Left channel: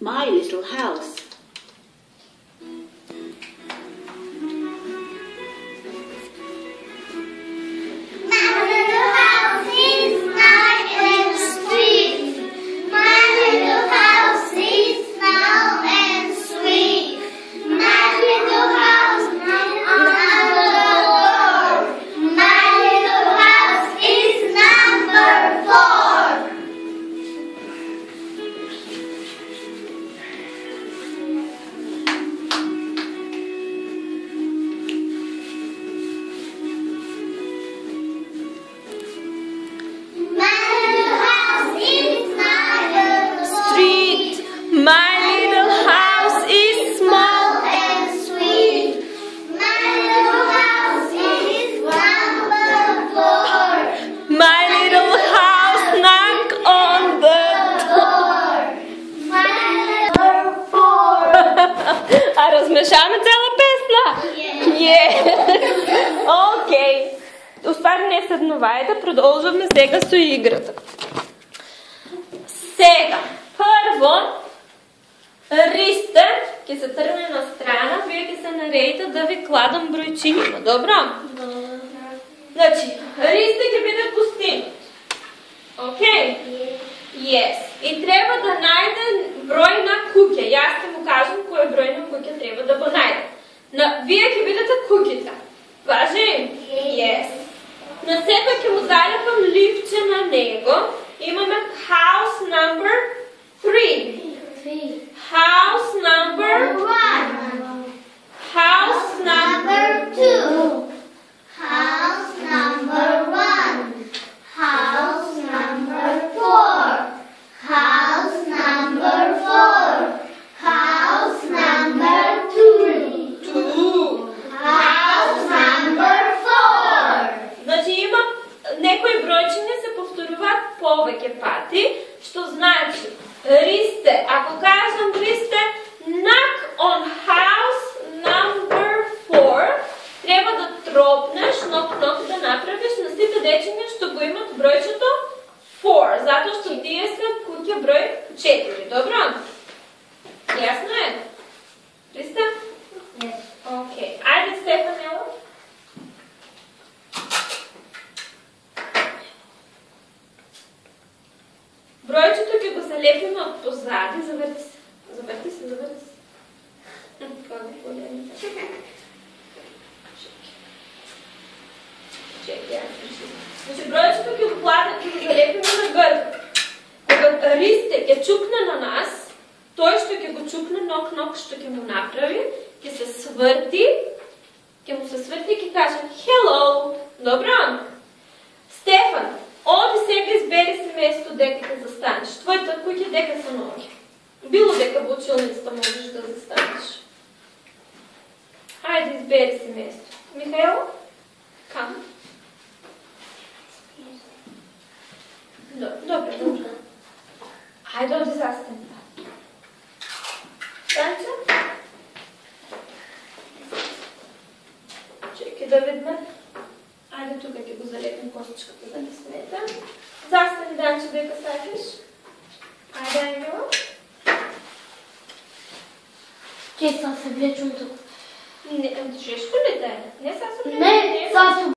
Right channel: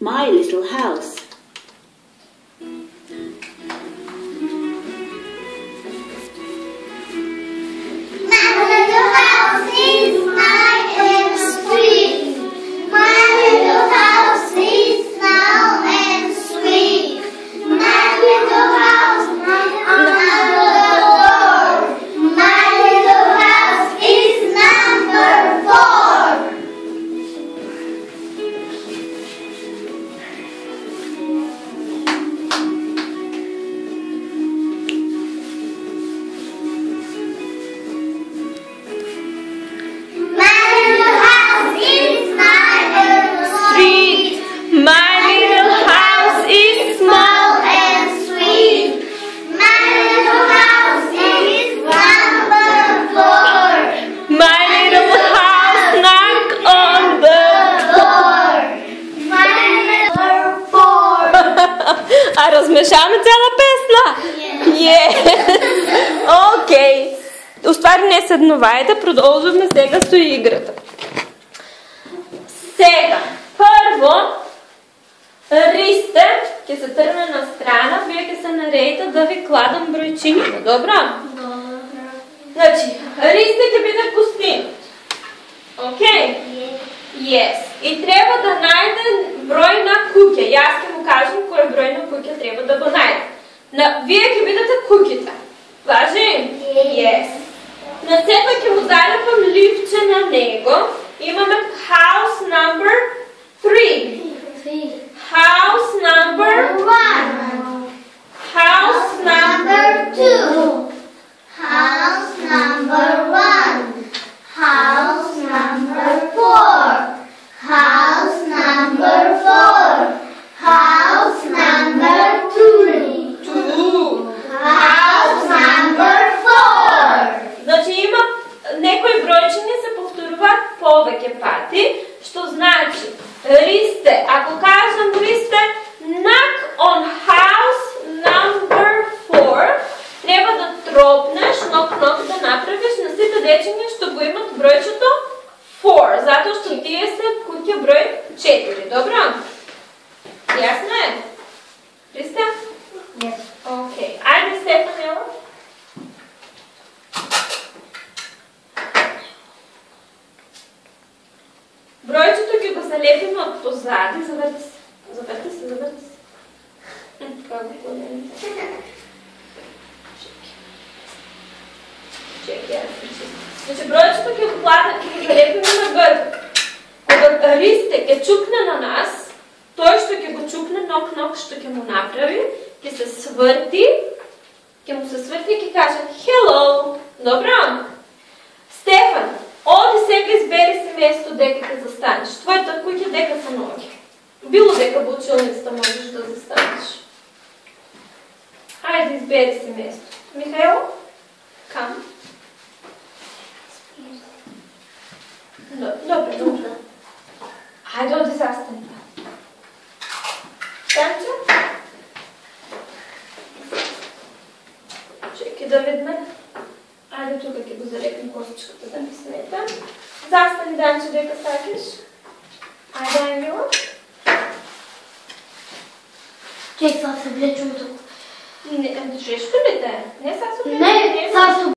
My little house. А размешаваме цяла песна? Окей. Уствари не седновайте, продължаваме сега с играта. Сега, първо, ристе, ке се тръгне на страна, вие ке се наредите да ви кладам бройчините, добра? Добра. Значи, ристе ке биде гостин. Окей? Yes. И трябва да найде брой на куќа. И аз ќе му кажам кој број на куќа трябва да го найде. Вие ќе видите куќите. Важи? Yes. На себе ќе му залепам ливче на него. Имаме house number 3. House number 1. House number 2. House number 1. House number 4. House number 4. House number 2. House number 4. Значи има некои бројчиња се повторуваат повеќе пати, што значи ристе, ако кажам ристе, knock on house number 4, треба да тропнеш, knock да направиш на сите дечиња што го имат бројчето 4, затоа што тие се куќа број 4, добро? Јасно е? Ристе? Yes. Окей. Ајде, Стефан, ево. Бројчето ќе го залепиме од позади. Заврти се. Заврти се, заврти се. Како погледнете. Чеки, аз решим. Значи, бројчето ќе го залепиме на грб. Кога ристе ќе чукне на нас, тој што ќе го чукне, нок, што ќе му направи, ќе се сврти, ќе му се сврти и ќе каже hello. Добро? Стефан, оди сега избери си место дека ќе застанеш. Твојата куќа дека се ноги. Било дека во училницата можеш да застанеш. Ајде, избери си место. Михајло? Кам? Добре. Ајде, оди застани. Станчо? Чеки да видме. Ајде, тука ќе го залепим косичката да ни смета. Застани, Данчо, дека сакаш. Ајде, Ангела. Чек, сега се влечем тук. Жешто ли те? Не, сега се влечем. Не, сега се